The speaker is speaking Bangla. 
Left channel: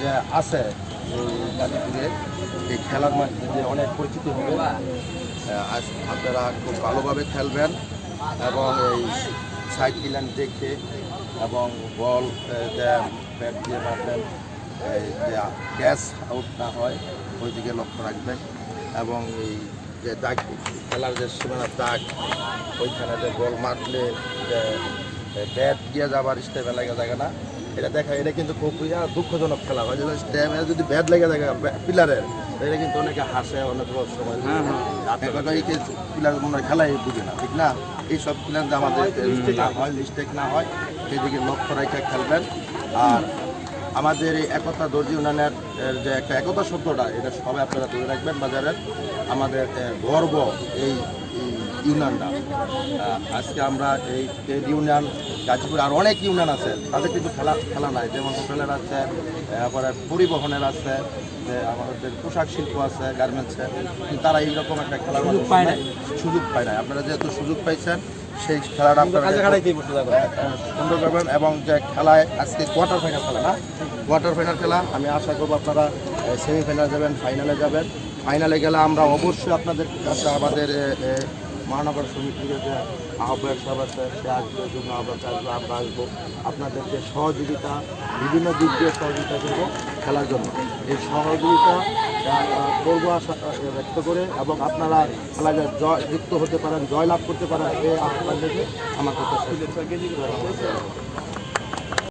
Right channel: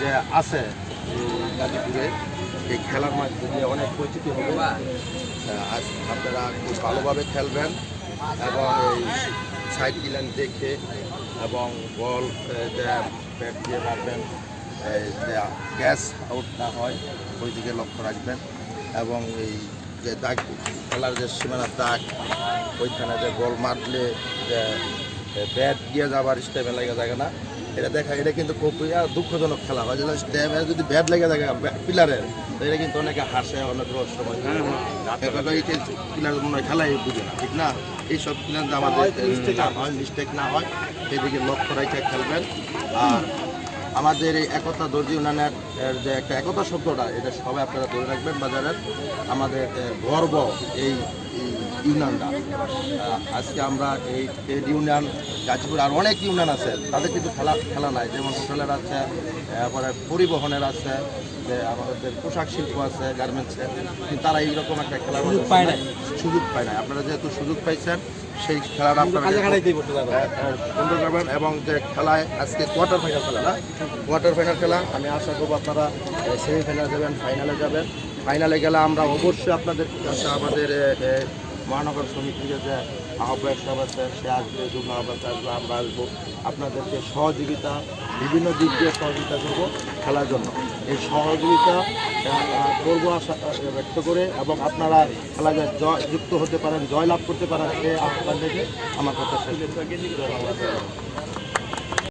যে আছে গাজীপুরের এই খেলার মাধ্যমে অনেক পরিচিতি হবে। আপনারা খুব ভালোভাবে খেলবেন এবং এই সাইকেল দেখে এবং বল ব্যাট দিয়ে মারবেন, গ্যাস আউট না হয় ওই দিকে লক্ষ্য রাখবেন এবং এই যে দাগ খেলার যে সীমানার দাগ ওইখানে যে বল মারলে যে ব্যাট গিয়ে যাবার স্টেপে লেগে থাকে না, এটা দেখা এটা কিন্তু খুব দুঃখজনক খেলা হয়। স্টেপে যদি ব্যাট লেগে থাকে পিলারের, এটা কিন্তু অনেকে হাসে, অনেক সময় পিলার মনে হয় খেলাই বুঝে না, ঠিক না? এইসব পিলার আমাদের না হয়, মিস্টেক না হয় সেদিকে লক্ষ্য রেখে খেলবেন। আর আমাদের এই একতা দর্জি ইউনিয়নের যে একটা একতা শব্দটা, এটা সবাই আপনারা ধরে রাখবেন বাজারের। আমাদের গর্ব এই ইউনিয়নটা। আজকে আমরা এই ট্রেড ইউনিয়ন গাজীপুর আর অনেক ইউনিয়ন আছে, তাদের কিন্তু খেলা নাই, যেমন হোটেলের আছে, তারপরে পরিবহনের আছে, যে আমাদের পোশাক শিল্প আছে, গার্মেন্টসে, কিন্তু তারা এইরকম একটা খেলার সুযোগ পায় না। আপনারা যেহেতু সুযোগ পাইছেন সেই খেলাটা সুন্দর করবেন। এবং যে খেলায় আজকে কোয়ার্টার ফাইনাল খেলা না, কোয়ার্টার ফাইনাল খেলা আমি আশা করবো আপনারা সেমিফাইনালে যাবেন, ফাইনালে যাবেন। ফাইনালে গেলে আমরা অবশ্যই আপনাদের কাছে আমাদের মহানগর সমিতির যে আহ্বায়ক সব আছে সে আসবে, যুগ্ম আহ্বায়ক আসবে, আমরা আসবো, আপনাদেরকে সহযোগিতা বিভিন্ন দিক দিয়ে সহযোগিতা করবো খেলার জন্য। এই সহযোগিতা করবো আশা ব্যক্ত করে এবং আপনারা খেলায় যুক্ত হতে পারেন, জয়লাভ করতে পারেন, এই আহ্বান থেকে আমার কথা শেষ।